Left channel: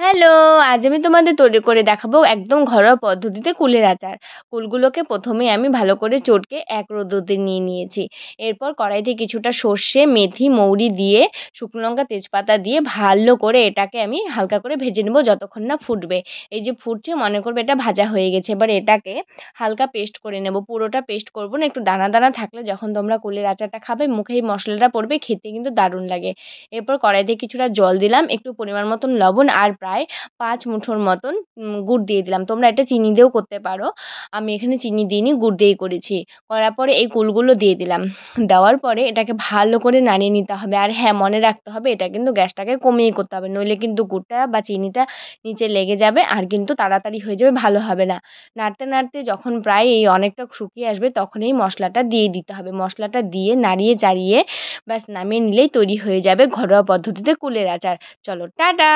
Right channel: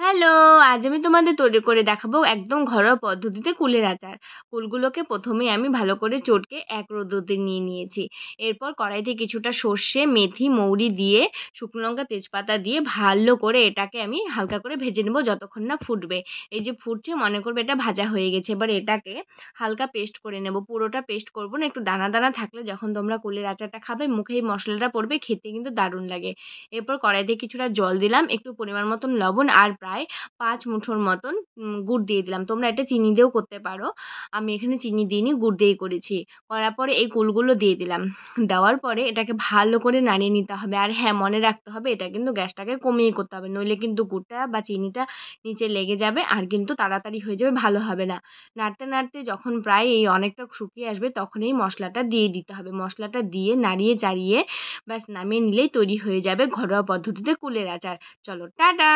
Hello! আজ আমি তোমাদের তৈরি করে দেখাবো একদম ঘরোয়া পদ্ধতিতে কুলের আচার। কুলগুলোকে ১ম এই আমি ভালো করে চটকে এক রোদ্দুরতে নিয়ে নিয়েছি। এরপর কড়াইতে কিছুটা সর্ষে, মেথি, মৌরি দিয়ে শুকনো লঙ্কা, তেজপাতা দিয়ে ভালো করে এটাকে আমি হালকা করে ভেজে নেব যতক্ষণ না ফুটবে। এই যে ফুটছে মনে করবে এটা ভাজা হয়ে গেছে। এবার এটাকে হালকা পেস্ট করে নেব। পুরোটা পেস্ট করব না, একটু দানা, দানা থাকলে যখন তোমরা কুলের আচারটা খাবে মুখে এই মশলাটা পড়বে, খেতে কিন্তু দারুণ লাগে। এরপর কড়াইতে কিছুটা জল দিলাম, একটু পরিমাণ মতন লবণ আর প্রায় ৫ মুঠোর মতন গুড় দিয়ে দিলাম। তোমরা এটা চিনি দিয়েও করতে পারো। আমি এখানে চিনি দিইনি, গুড় দিয়েই করেছি। করার পরে এই কুলগুলো দিয়ে দিলাম। দেওয়ার পরে এটাকে ভালো করে নাড়িয়ে নিতে হবে। আর হ্যাঁ, মনে রাখতে হবে এটা কিন্তু গ্যাসটাকে কমিয়ে করতে হবে। নইলে কিন্তু গুড়টা বা চিনিটা নিচে লেগে যাবে আর কিন্তু তাড়াতাড়ি হয়ে যাবে, ভালো হবে না। নাড়তে, নাড়তে যখন প্রায় এই অনেকটা শুকিয়ে আসবে তখন এই মশলাটা দিয়ে দিতে হবে। মশলাটা দিয়ে নাড়িয়ে চাড়িয়ে ব্যাস নামিয়ে নিলেই তৈরি হয়ে যাবে ঘরোয়া পদ্ধতিতে কুলের আচার। চলো টাটা!